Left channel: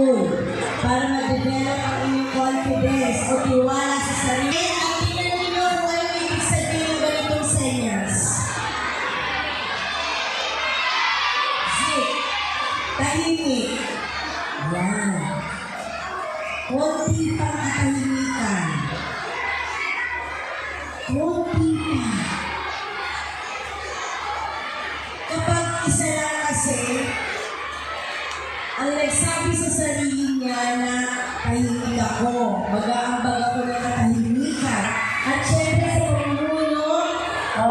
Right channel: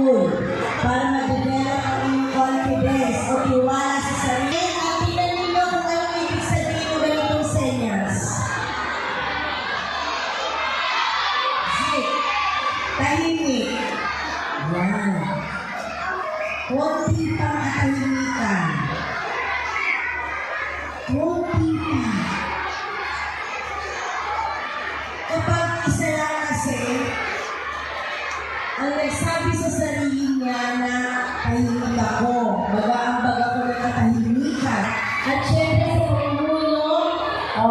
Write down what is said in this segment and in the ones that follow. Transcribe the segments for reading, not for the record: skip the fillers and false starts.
school para ma-develop ang inyong confidence o tiwala sa sarili. At tingnan ninyo kung ano ibig sabihin ng ganitong senyas. Zip. Tahimik. Yan. Kunti pang katahimikan. Kunti pa. Kapag isa lang kasi, ang nagsabi sa sarili niya na tahimik ako, mag-aambag ako ng katahimikan. At syempre sa pamumuno o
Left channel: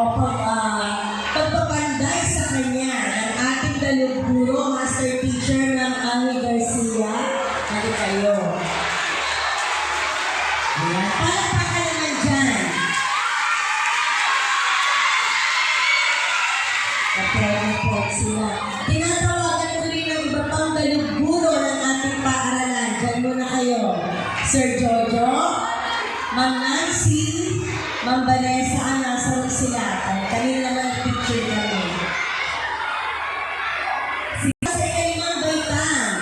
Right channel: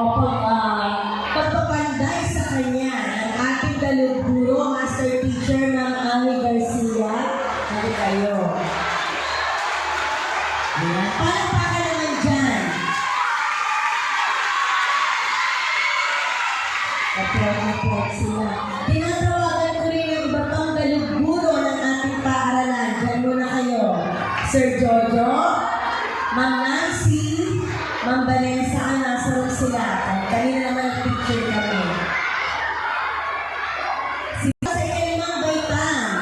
pagpapanday sa kanya ng ating daluguro, Master Teacher ng Ami Garcia. Hali kayo. Ayan. Palakpakan naman dyan. Kapag sila. Tinatawagan ko rin ang iba pang daluguro ng ating paaralan. Diyan muna kayo. Sir Jojo, Ma'am Nancy, Ma'am Vanessa, nasa sila. Kanina naman ang picture kami. Sila sa ikalimang baitang.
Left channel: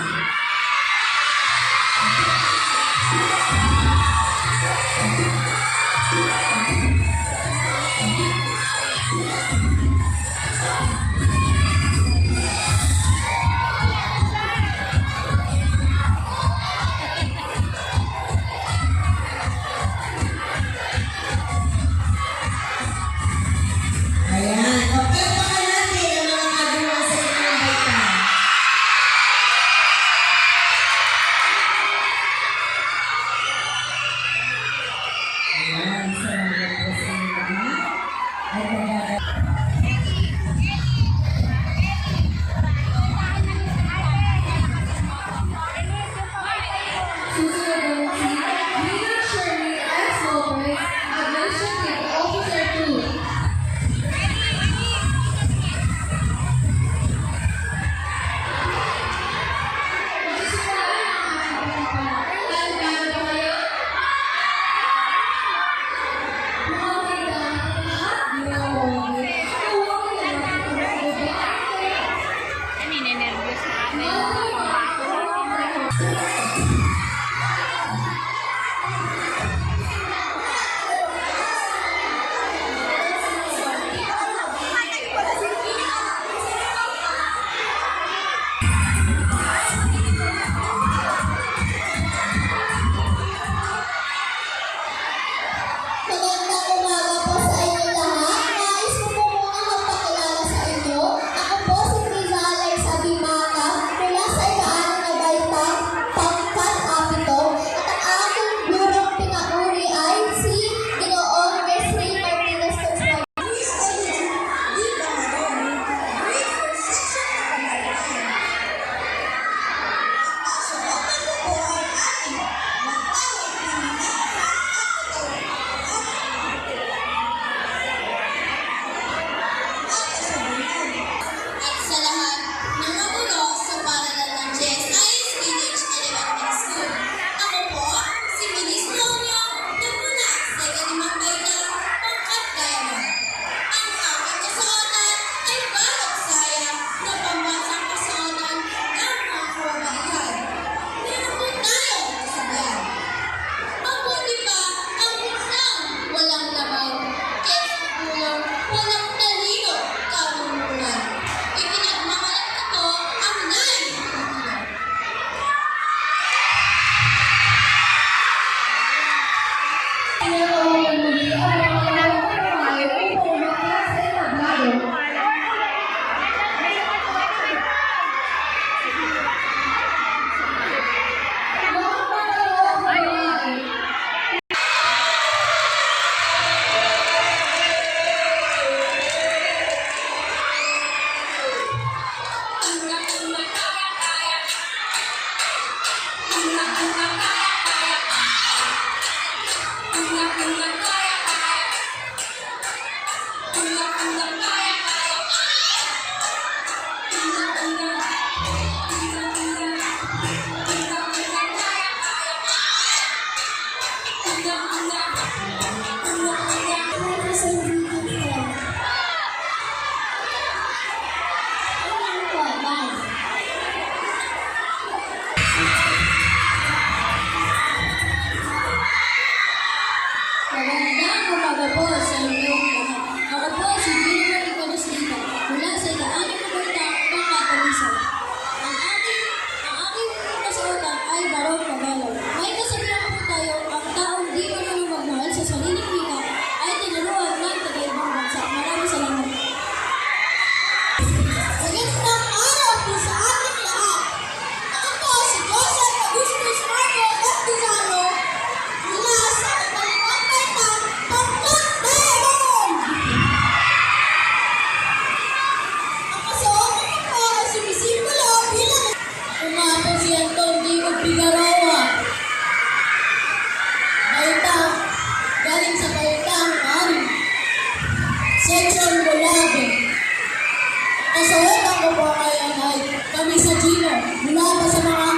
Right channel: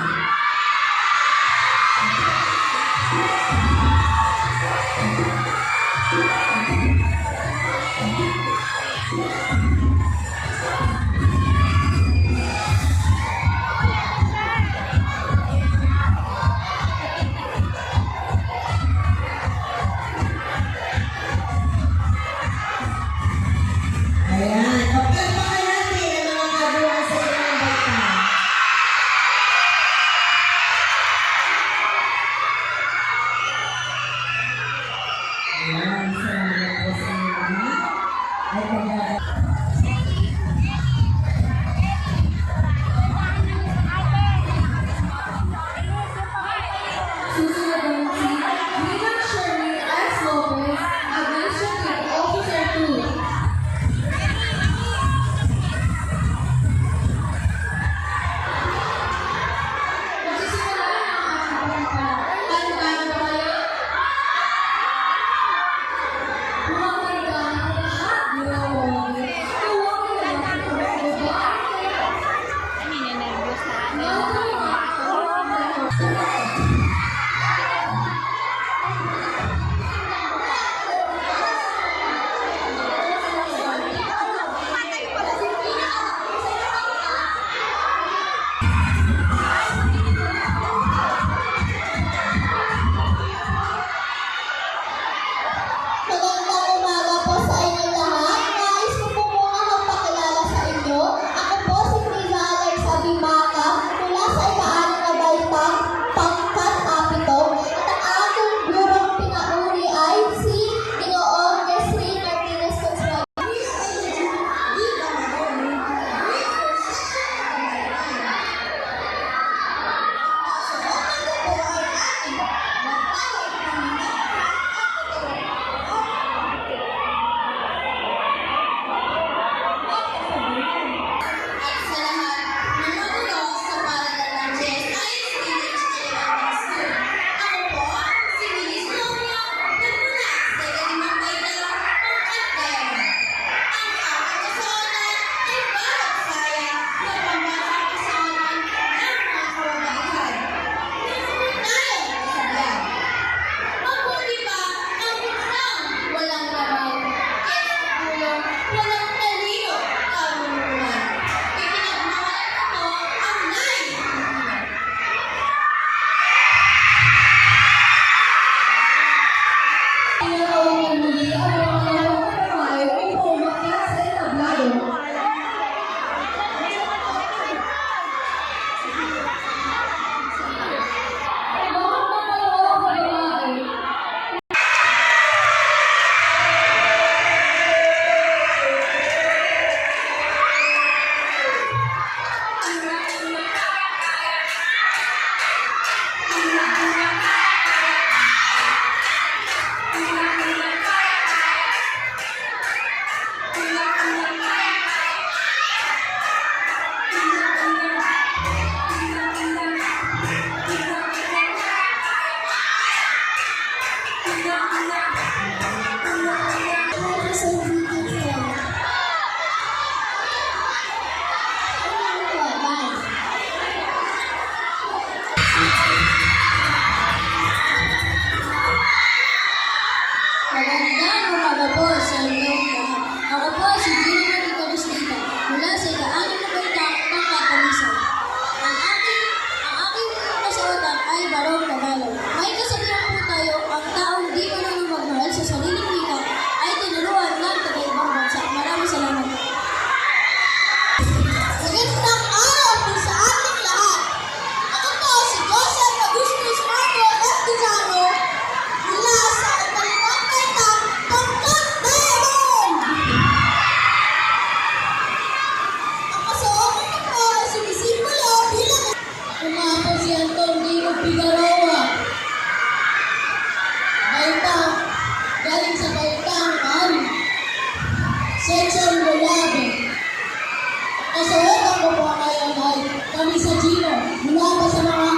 kami sa Gino. Mula pa sa mga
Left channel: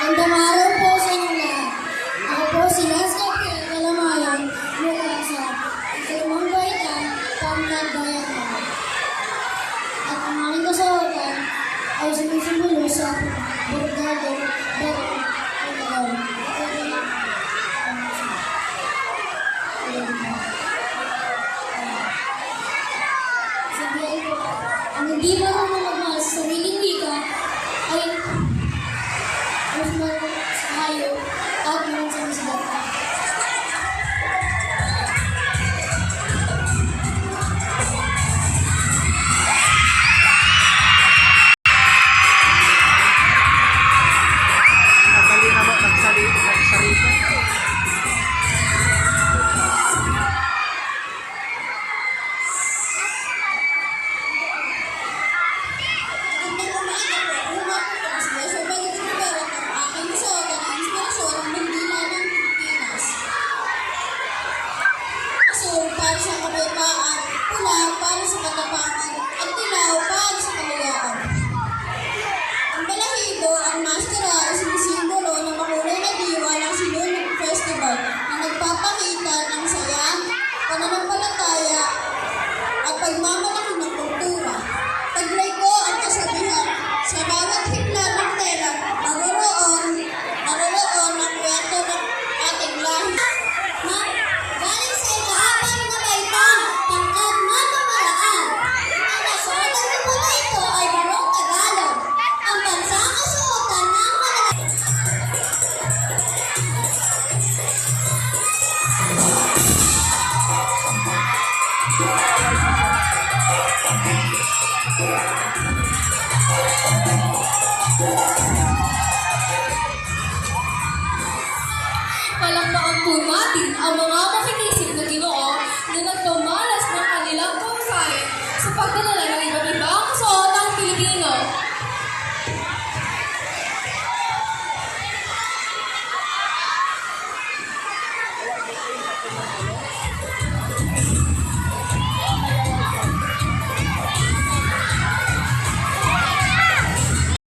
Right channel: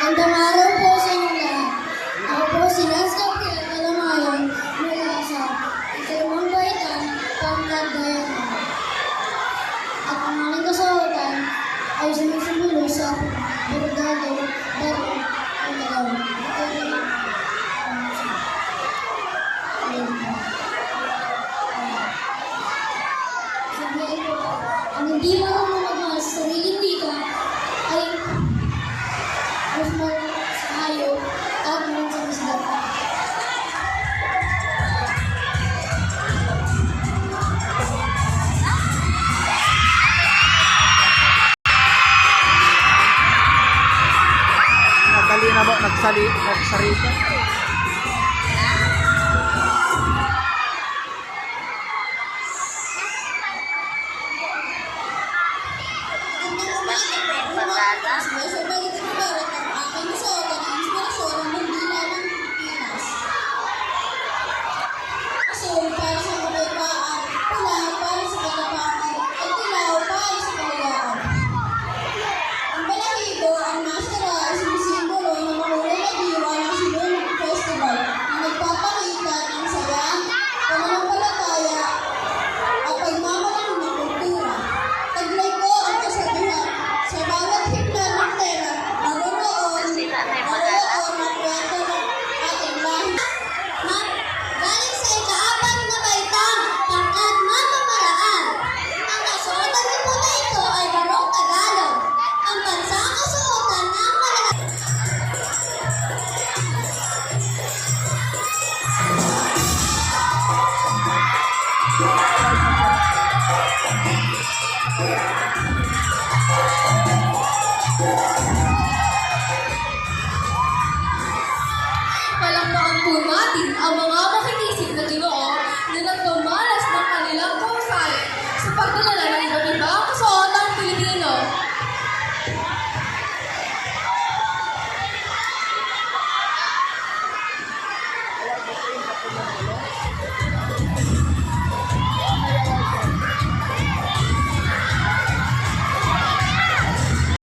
Magandang araw po sa inyo lahat. Ako po si Lester Kalamayan mula sa Ikalimang Baitan, Pamlag Dayakan. At ang aking kasawakan ay sumisimulo sa Borgado, Daro, Pamlag. Ang hindi marunong magmahal sa sariling wika ay mas sa hayop at mga sa misbata. Nadali na ba? Nagsarita? Para sa kapayapaan, pula para sa katapangan, at dilaw para sa kalayaan. Ang balahibo, ang maskara ay sumisimbolo ng makulay na diwa ng Sinulog Festival na nagpapakita ng saya, pananampalataya, at pagmamalaki ng kultura. Taglay ko ang kasabihan, sa bawat himla ng pera, naroon ang kwento ng ating lahi. Galing sa ikaapat na baitang, pangkat na pamalaan. Ang kasuotan ng pula ito ay barong Tagalog. Ang bansang kasuotan ng malalaki. Palakpakan po natin ang mga makinisip na